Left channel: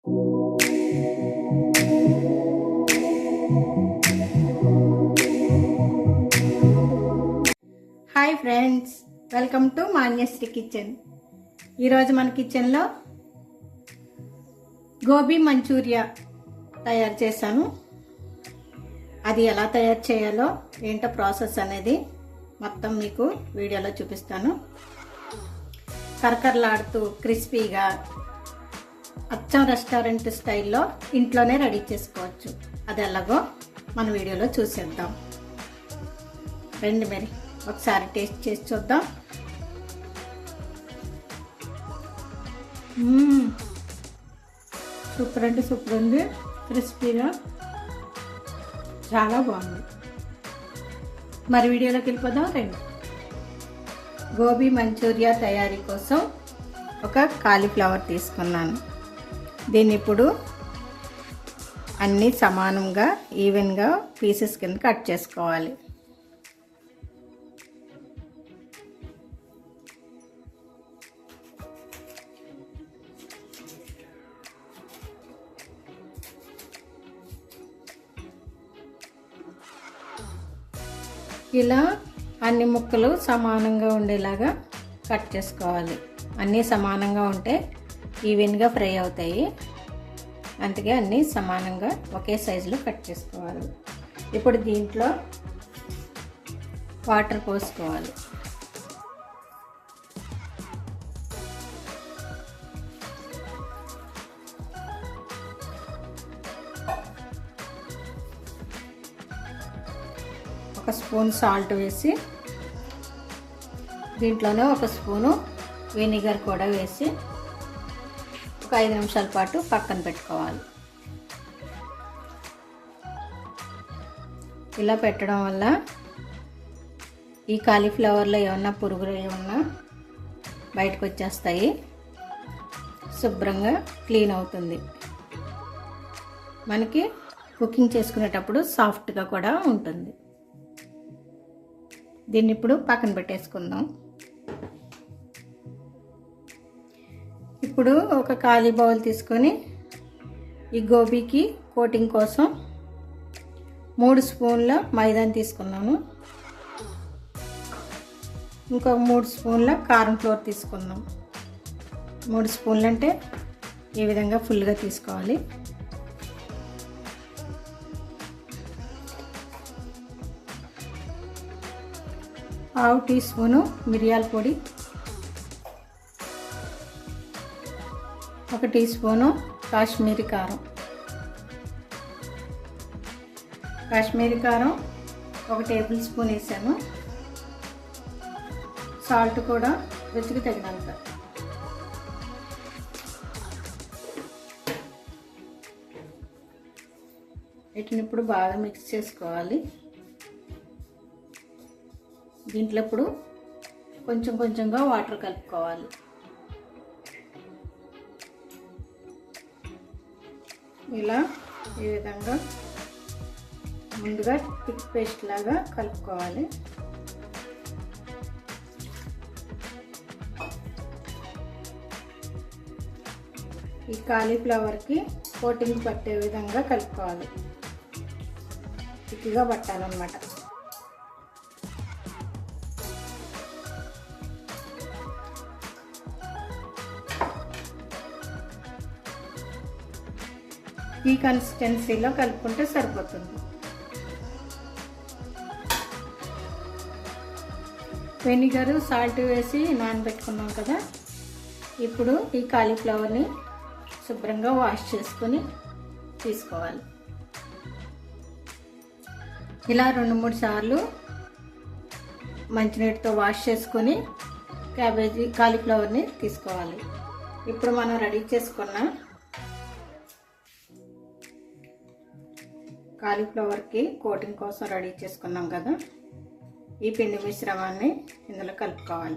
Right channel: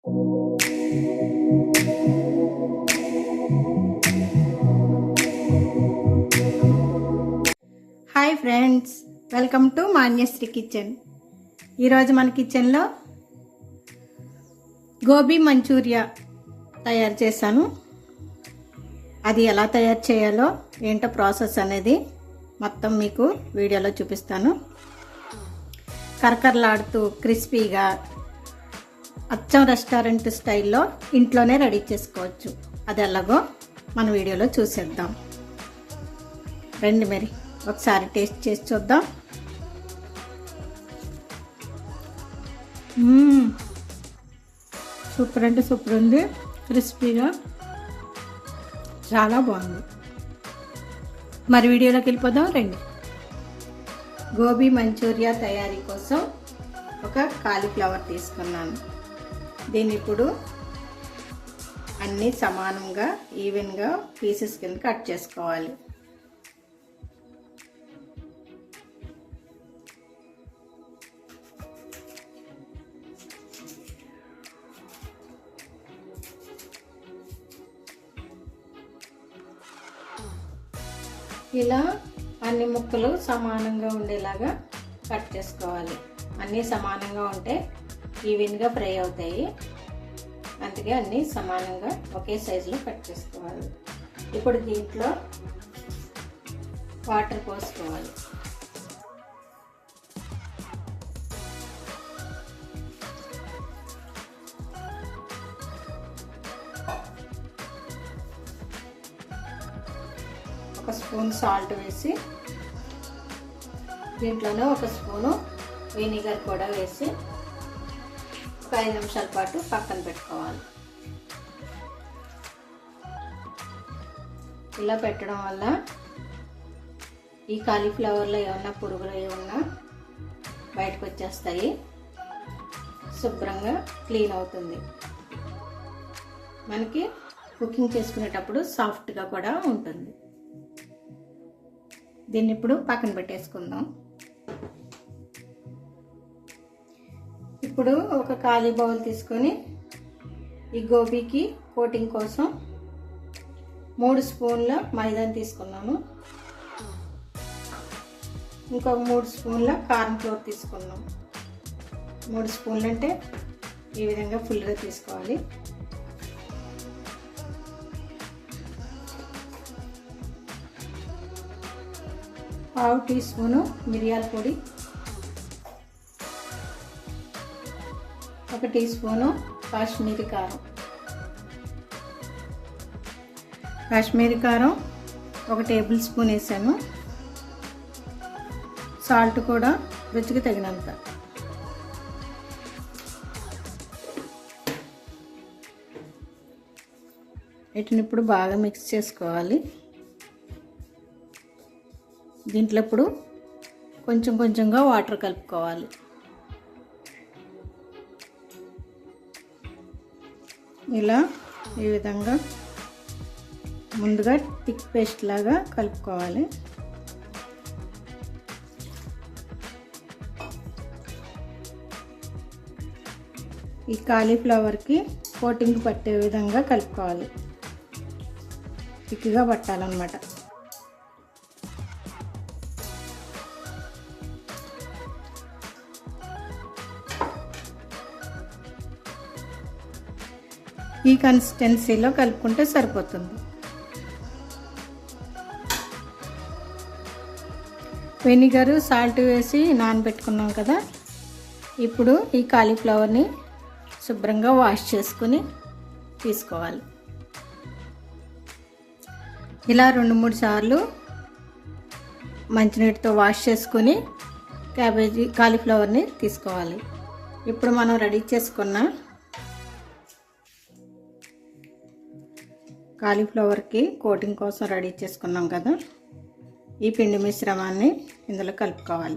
Hi friends, welcome to Manyashri kitchen. ఈరోజు మన కిచెన్లో గోబీ మంచూరియా తయారు చేశాను. అది ఎలా తయారు చేయాలో ఏంటో ప్రాసెస్ అనేది మొత్తం మీకు వీడియోలో చూపిస్తాను. కరకరలాడుతూ క్రిస్పీగా అచ్చం రెస్టారెంట్ స్టైల్లో ఇంట్లోనే రెడీ చేసుకోవచ్చు. అది ఎలాగో మన వీడియోలో చూసేద్దాం. రండి మరి ఒకసారి టేస్ట్ చేసి చూద్దాం. సూపర్ అంటే సూపర్ ఉంది. క్రిస్పీగా చాలా బాగుంది. మరి వీడియోలోకి వెళ్ళిపోదాం రండి. గోబీ మంచూరియా తయారీ కోసం ఒక కాలీఫ్లవర్ తీసుకున్నాను. దీన్ని ఇప్పుడు అన్నీ సమానంగా ఈవెన్గా పీసెస్ కింద కట్ చేసుకోవాలి. ఇలా అన్ని ముక్కలు సమానంగా ఉండేలాగా కట్ చేసుకోవాలి. అన్నీ సమానంగా ఉంటే ఈవెన్గా ఫ్రై అవుతాయి. అందుకే అన్నీ సమానంగా ఒకే సైజులో కట్ చేసుకోవాలి. ఇప్పుడు దీంట్లో వాటర్ పోసుకోవాలి. ఒక స్పూన్ సాల్ట్ వేసి దీంట్లోనే ఒక స్పూను వెనిగర్ కూడా వేసి ఒక 5 నిమిషాల పాటు పక్కన పెట్టుకోవాలి. ఇలా పెట్టడం వల్ల ఈ కాలీఫ్లవర్లో ఏమన్నా పురుగులు ఏమన్నా బయటకు వచ్చేస్తాయి. శుభ్రంగా క్లీన్ అవుతుంది. మనకి కుకింగ్ చేసుకునేటప్పుడు సాఫ్ట్గా కూడా ఉంటుంది. దీన్ని ఇప్పుడు పక్కన పెట్టేసుకుందాం. ఇప్పుడు ఒక ఖాళీ బౌల్ తీసుకొని ఈ గోబీకి కోటింగ్ కోసం 3 స్పూన్ల మైదాని తీసుకున్నాము. ఇంకొక 3 స్పూన్ల కారం ఫ్లోర్ తీసుకున్నాం. 3 స్పూన్లు అంటే ఈ విధంగా ఫుల్గా తీసుకోవాలి. ½ టీ స్పూను మిరియాల పొడి, 1 టీ స్పూను కాశ్మీరీ కారం. కాశ్మీరీ కారం 1 టేబుల్ స్పూన్ వేసాను. సాల్ట్ కూడా రుచికి తగినంత. వీటిని ఇప్పుడు బాగా మిక్స్ చేసుకోవాలి. దీంట్లో ఇప్పుడు కొంచెం కొంచెంగా వాటర్ కలుపుకోవాలి. ఇలా ఈ విధంగా ముందుగా థిక్ పేస్ట్ లాగా కలుపుకోవాలి. ఈ కాలీఫ్లవర్కి కోటింగ్ పట్టే విధంగా కలుపుకోవాలి. థిక్గా పట్టాలన్నమాట. ఈ కన్సిస్టెన్సీలో కలుపుకుంటే సరిపోతుంది. వెనిగరు సాల్ట్ వేసి నానబెట్టుకున్నాం కదా. ఇప్పుడు ఈ కాలీఫ్లవర్ని శుభ్రంగా వాష్ చేసుకుని తీసుకోవాలి. ఇలా 2-3 సార్లు మంచినీటితో వాష్ చేసుకుని కాలీఫ్లవర్ని తీసుకోవాలి. ఇప్పుడు మనం రెడీ చేసుకున్న కాలీఫ్లవర్కి కోటింగ్ కోసం రెడీ చేసుకున్నాం కదా, ఈ పిండి మిశ్రమాన్ని ఇందులో కలుపుకోవాలి.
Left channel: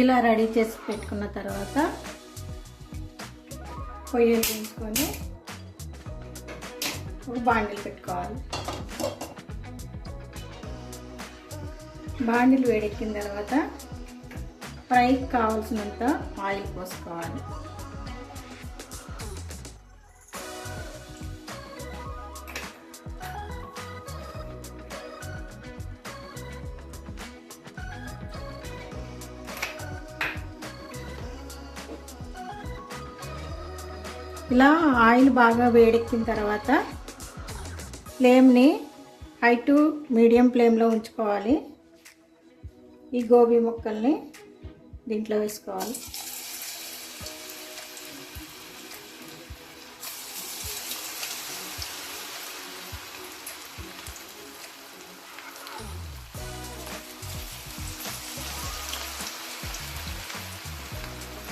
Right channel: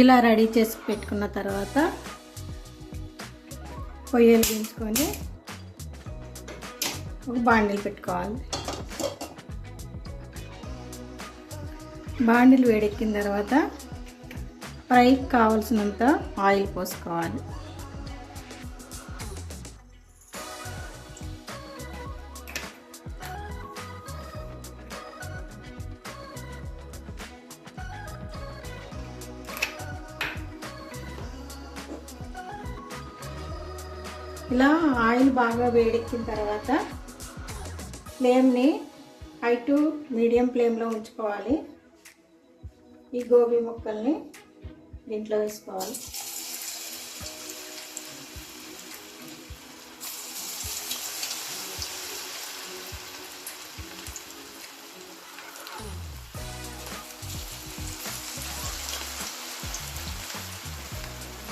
ఇలా రెడీ చేసి పెట్టుకున్న తర్వాత పొయ్యిలు దించుకొని ఒక బాండిల్ పెట్టుకోవాలి. బాండిల్ వేడెక్కిన తర్వాత ఫ్రైకి కావాల్సినంత ఆయిల్ పోసుకోవాలి. ఇలా ఆయిల్ బాగా వేడెక్కిన తర్వాత ఫ్లేమ్ని హై టు మీడియం ఫ్లేమ్లో ఉంచుకోవాలి. ఈ గోబీ ముక్కల్ని దీంట్లో వేసుకోవాలి.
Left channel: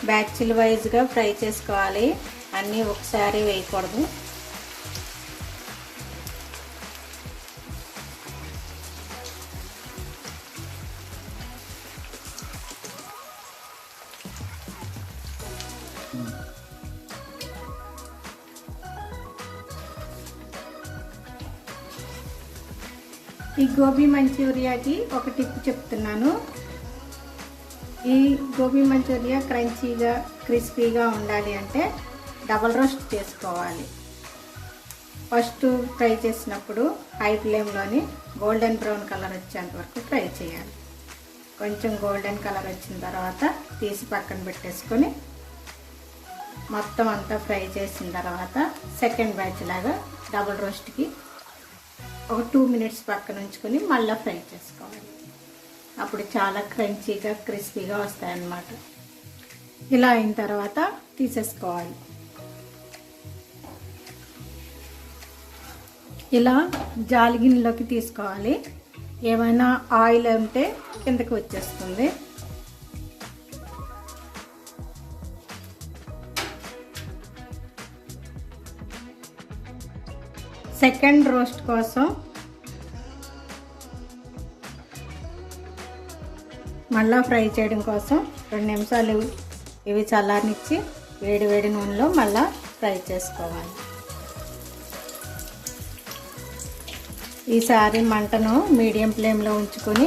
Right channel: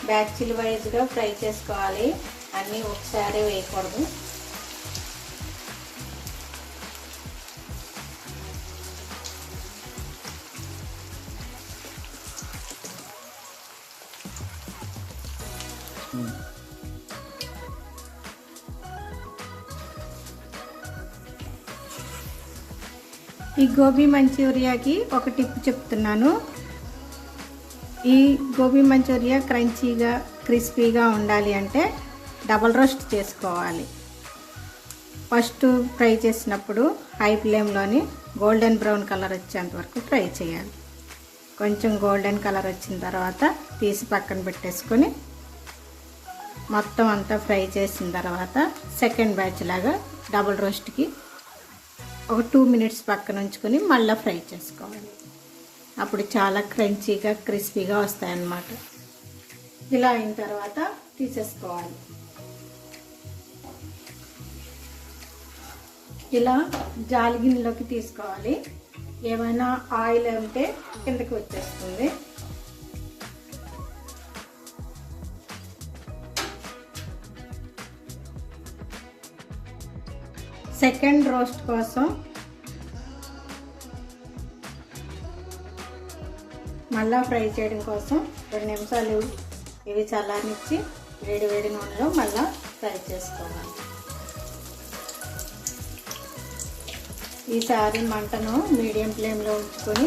బ్యాచ్ల వైజ్గా ఫ్రై చేసుకోవాలి, అన్నీ ఒకసారి వేయకూడదు. ఈ గోబీ మంచూరియాకి ఒక టిప్ చెప్తున్నాను. ఈ గోబీ మంచూరియా క్రంచీగా క్రిస్పీగా ఉండాలి అంటే డబల్ రోస్ట్ చేసుకోవాలి. ఫస్ట్ ఫ్రై చేసినప్పుడు హై ఫ్లేమ్లోని గోల్డెన్ బ్రౌన్ కలర్ వచ్చేంత వరకు ఫ్రై చేయాలి. కొంచెం గోల్డెన్ కలర్ వచ్చిన తర్వాత తీసి పక్కన పెట్టేసుకొని మొత్తం అంతా ఫ్రై చేసిన తర్వాత సెకండ్ బ్యాచ్ లాగా డబల్ రోస్ట్కి ఒక 2 మినిట్స్ పక్కన ఉంచుకొని మళ్ళీ ఫ్రై చేసుకోవాలి. అప్పుడు చాలా క్రంచీగా క్రిస్పీగా వస్తాయన్నమాట. ఇలా అయిన తర్వాత తీసేసుకోవాలి. ఇలా జాలి గిన్నెలోకి తీసుకోవాలి. ఏమైనా ఆయిల్ ఉంటే కిందకి వచ్చేస్తుంది. సెకండ్ రోస్ట్ కోసం మళ్ళా ఫ్రై చేయడం కోసం 2 నిమిషాలు ఇవి చల్లారనిచ్చి వేడి వేడి నూనెలో మళ్ళా ఫ్రై చేసుకోవాలి. ఈసారి మంటను మీడియం ఫ్లేమ్లో ఉంచుకొని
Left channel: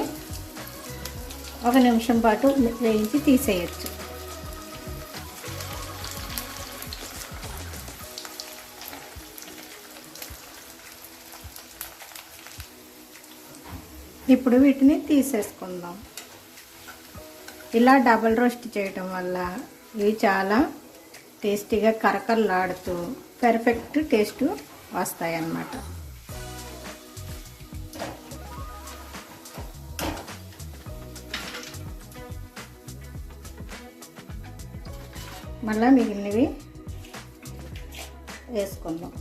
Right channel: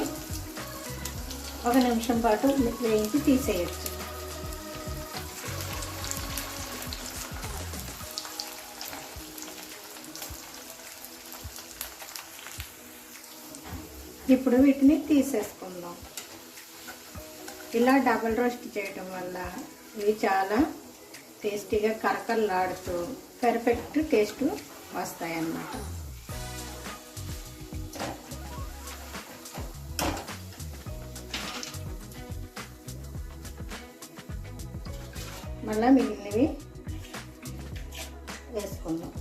1 నిమిషం పాటు వేయించి తీసేయచ్చు. ఇప్పుడు వీటిని తీసేసుకుందాం. ఇలా డబల్ రోస్ట్ చేయటం వల్ల ఇవి చాలా టేస్టీగా కరకరలాడుతూ పర్ఫెక్ట్ టేస్ట్ వస్తాయి అన్నమాట. మళ్ళీ మిగిలినవి వేసుకుందాం.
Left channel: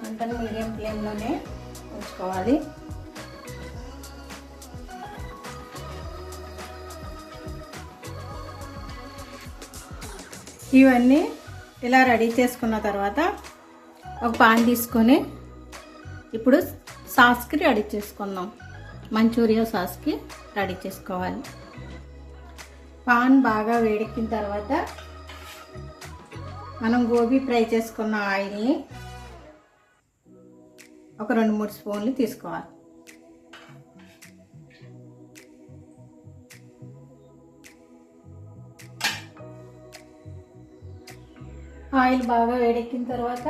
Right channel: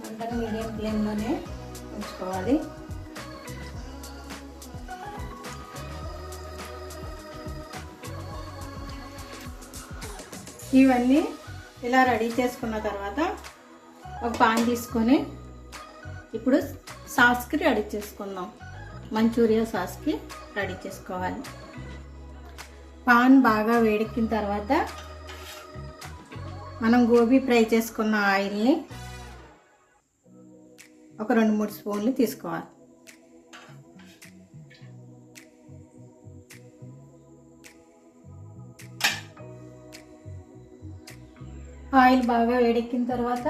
మంటను మీడియం ఫ్లేమ్లోనే ఉంచుకోవాలి. ఇవన్నీ ఇలా రెడీ చేసుకున్న తర్వాత ఒక పాన్ తీసుకొని ఇప్పుడు సాస్కి రెడీ చేసుకుందాం. మంచూరియా సాస్కి రెడీ చేసుకోవాలి. పాన్ బాగా వేడెక్కిన తర్వాత మనం గోబీ ఫ్రై చేసుకున్న ఆయిల్ని ఒక 2-3 స్పూన్లు తీసుకోవాలి. ఆయిల్ బాగా వేడెక్కిన తర్వాత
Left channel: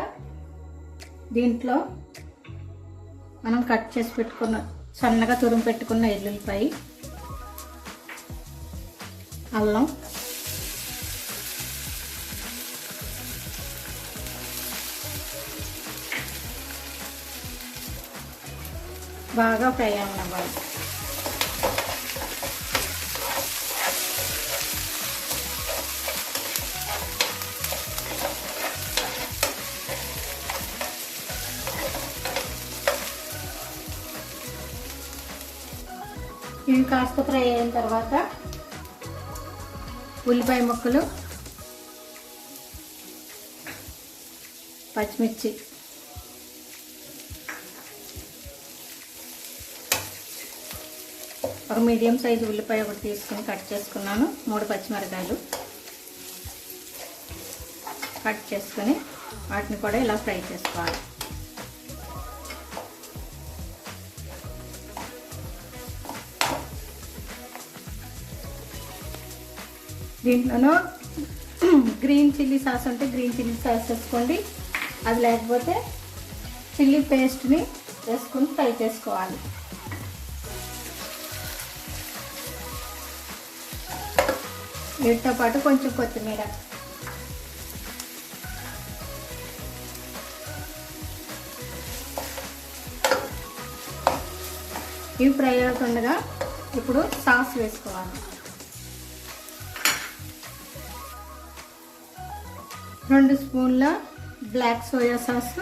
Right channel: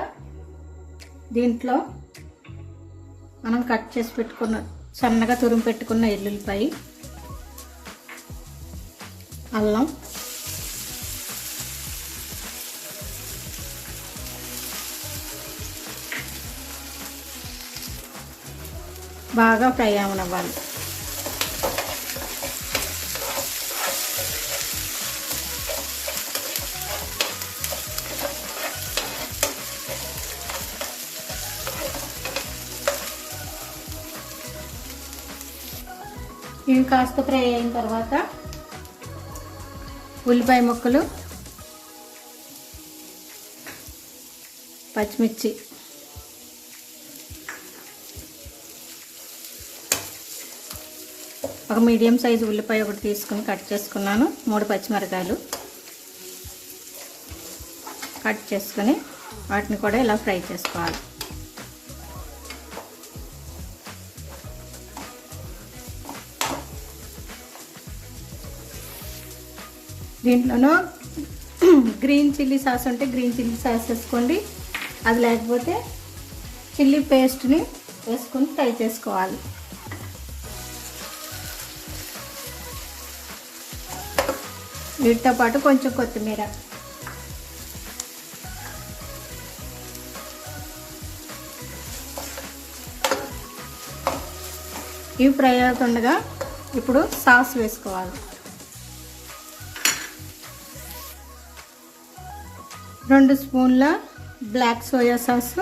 దీంట్లో మనం కట్ చేసి పెట్టుకున్న సన్నగా తురుము పెట్టుకున్న ఎల్లుల్లిపాయ, అల్లం, బాగా ఫ్రై అవ్వాలి. ఇవి కాస్త ఫ్రై అయిన తర్వాత ఉల్లిపాయ ముక్కలు, పచ్చిమిర్చి, ఒక మీడియం సైజు ఉల్లిపాయ ఒకటి తీసుకుని కట్ చేసుకున్నాను. 3 పచ్చిమిరపకాయలు కట్ చేసుకుని వాటిని కూడా ఇలా ఫ్రై చేసుకోవాలి. దీంట్లోనూ గ్రీన్ చిల్లీ సాస్ ఉంటే గ్రీన్ చిల్లీ సాస్ వేసుకోండి. అది లేకపోతే చిల్లీ పేస్ట్ని వేసుకొని ఫ్రై చేసుకోవాలి. వీటితో పాటు కొంచెం కొత్తిమీర, ఇవి ఫ్రై అవుతుండగా ఇప్పుడు సాస్ వేసుకోవాలి. 2 స్పూన్ల black soya sauce,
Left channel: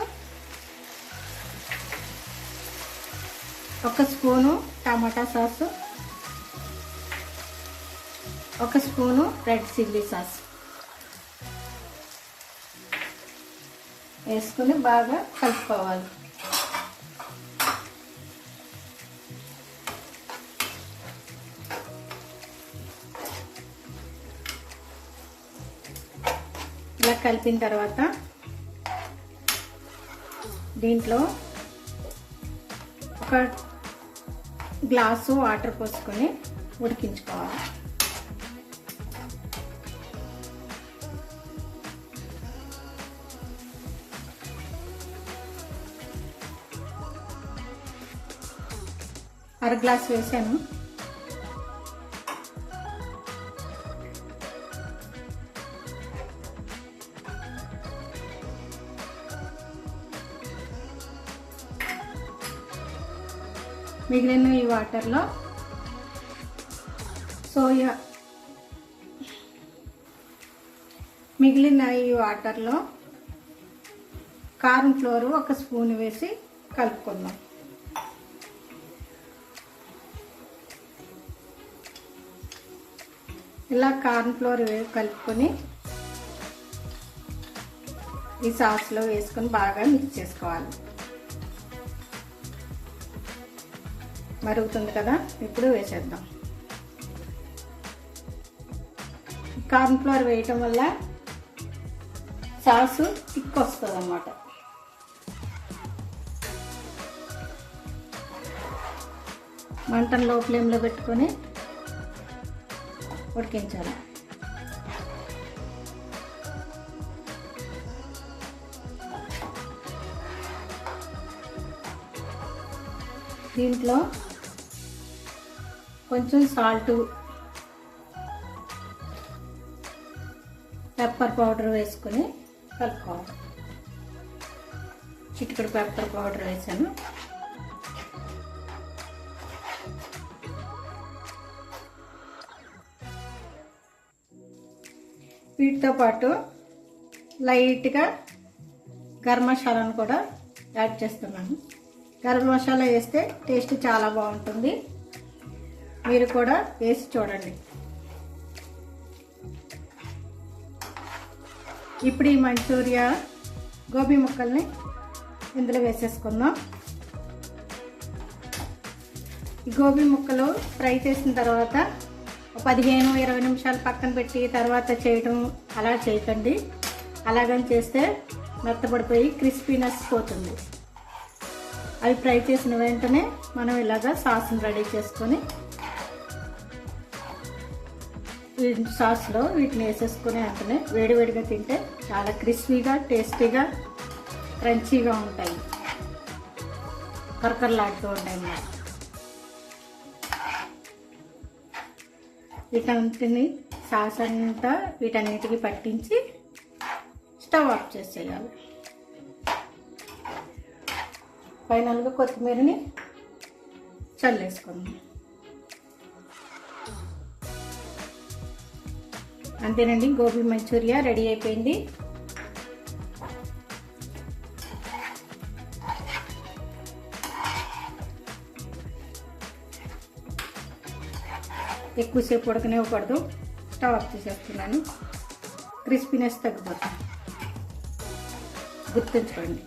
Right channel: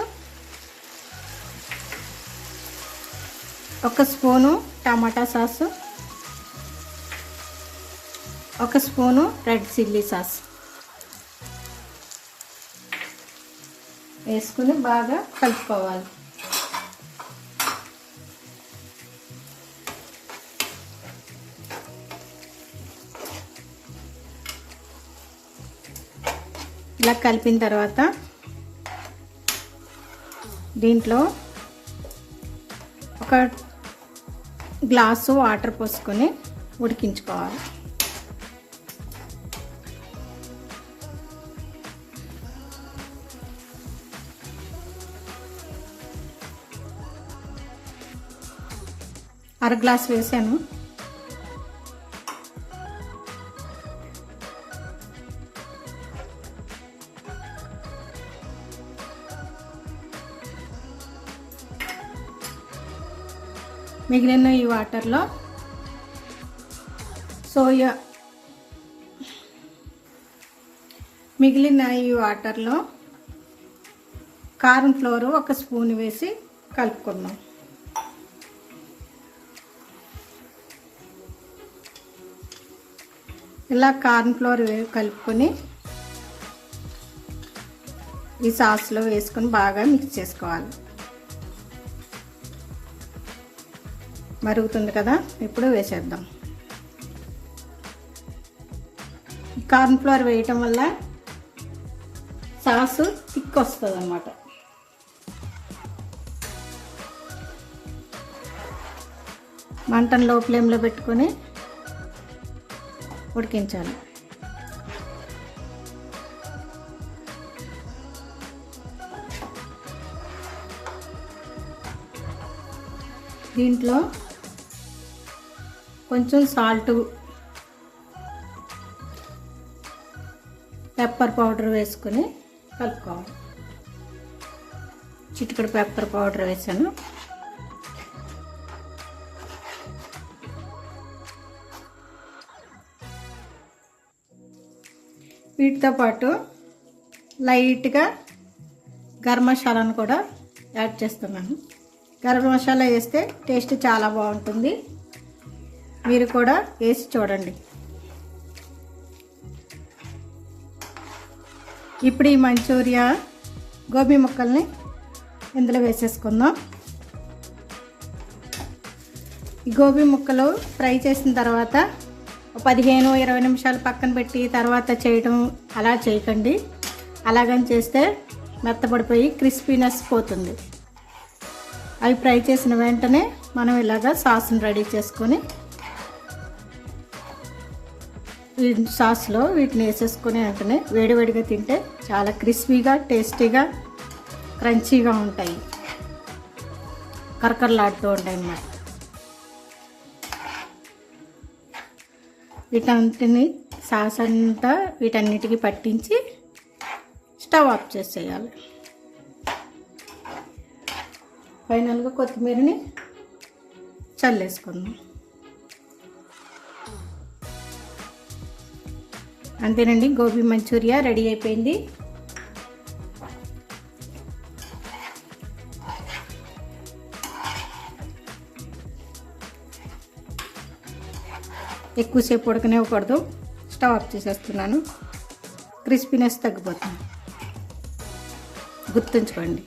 1 spoon tomato sauce, 1 spoon red chilli sauce వేసుకుని బాగా కలుపుకోవాలి. ఇలా కలిపిన తర్వాత దీంట్లో 1 గ్లాసు వాటర్ పోసుకొని ఉడికించుకోవాలి. అర గ్లాస్ వేసాను. మిగిలిన ఈ వాటర్లో కార్న్ ఫ్లోర్ 1 స్పూన్ వేసి కలుపుకుందాం. ఇలా కార్న్ ఫ్లోర్ కలుపుకొని ఈ సాస్లో వేసుకొని బాగా మిక్స్ చేసుకోవాలి. మరుగుతుంది కదా, ఇప్పుడు వేసేద్దాం. కార్న్ ఫ్లోర్ వేయటం వల్ల సాసు థిక్ వస్తుంది అన్నమాట. మంటను లో ఫ్లేమ్లో పెట్టుకొని ఉడికించాలి. దీంట్లో కొంచెం సాల్టు, పెప్పర్ పౌడర్ వేసుకొని కలుపుకోవాలి. చిటికెడు పెప్పర్ పౌడర్ వేసాను. వీటితో పాటు లైట్గా గరం మసాలాను కూడా యాడ్ చేస్తున్నాను. గరం మసాలా వేస్తే టేస్ట్ చాలా బాగుంటుంది. మీరు కూడా వేసి చూడండి. ఇప్పుడు ఈ మంచూరియా గోబీ ముక్కల్ని ఇందులో వేసేసుకుందాం. ఈ గోబీ ముక్కలు ఫ్రై చేసిన తర్వాత 15-20 నిమిషాలు పక్కన పెట్టి తర్వాత చేయడం అలా చేయకండి. అలాగని చేస్తే మెత్తపడిపోయి క్రిస్పీనెస్ పోతుంది. అవి ఫ్రై చేసిన వెంటనే మనం ఇలాగా సాస్ని రెడీ చేసుకొని సాస్లో వీటిని వేసేసుకుని వెంటనే వేడివేడిగా తింటే చాలా క్రిస్పీగా, టేస్టీగా, క్రంచీగా ఉంటాయి. కరకరలాడుతూ ఉంటాయి అన్నమాట. వీటన్నిటిని సాస్ అంతా వీటన్నిటికీ పట్టించి స్టవ్ ఆఫ్ చేసేయాలి. ఫైనల్గా కొత్తిమీరని చల్లేసుకుందాం. అంతేనండి, గోబీ మంచూరియా రెడీ అయిపోయింది. ఎక్కువసేపు ఉడకనివ్వకూడదు. స్టవ్ ఆఫ్ చేసేస్తున్నాను. క్రిస్పీనెస్ తగ్గిపోతుంది, గుర్తుంచుకోండి.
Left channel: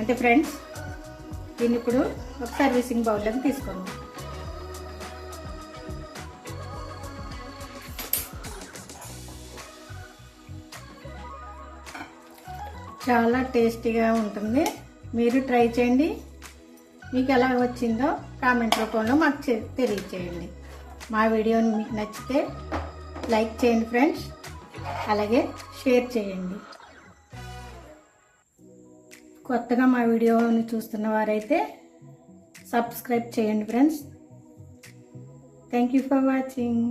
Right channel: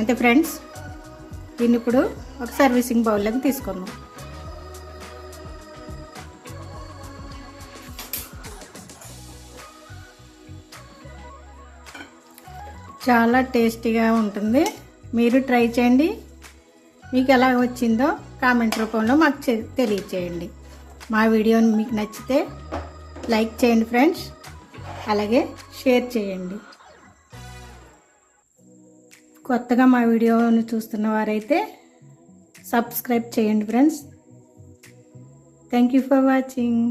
అంటే ఫ్రెండ్స్, దీన్ని ఇప్పుడు ఒక సర్వీసింగ్ బౌల్లోకి తీసుకుందాం. చాలా టేస్టీగా ఉంటుంది. మీరు ట్రై చేయండి. మీకు ఎలా వచ్చిందో కామెంట్ రూపంలో మాకు తెలియచేయండి. మా వీడియోని మీకు నచ్చితే లైక్ చేయండి ఫ్రెండ్స్, అలాగే షేర్ చేయండి. కొత్తగా మా వీడియోని చూస్తున్న వారైతే సబ్స్క్రైబ్ చేయండి friends. Thank you for watching.